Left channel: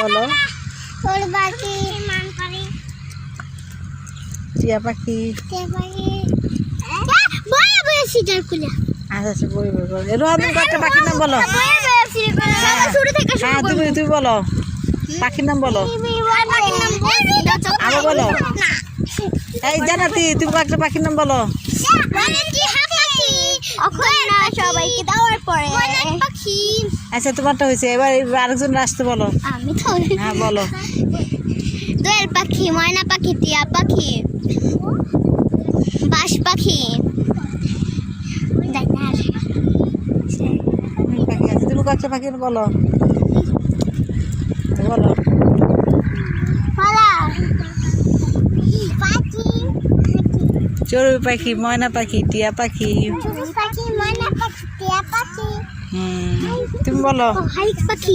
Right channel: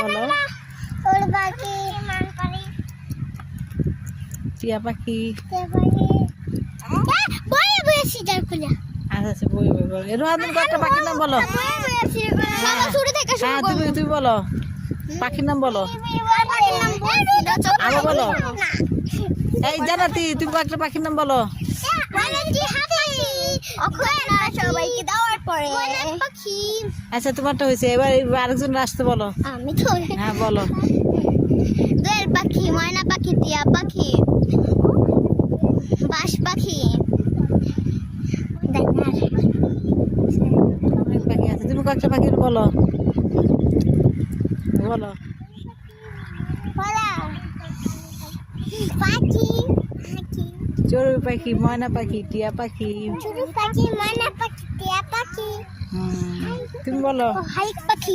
বলো টিয়া পাখি আচ্ছা আচ্ছা বই বই বলো রোহান তুমি একটা পাখির নাম বলো হ্যাঁ তুমি বলো পাখির নাম বলো আরো বলো এই জানাতি তুমি একটা পাখির নাম বলো সবাইকে দেওয়ার পরে আচ্ছা তোমারটা হয়েছে এবার আরেকজন আসতে বলো আমি তো হ্যাঁ বলো দোয়েল পাখি ময়না পাখি টিয়া পাখি বাস পাখি পাখি আছে তুমি একটা পাখির বলো বলো চড়ুই পাখি ময়না পাখি টিয়া পাখি তুমি বলো পাখি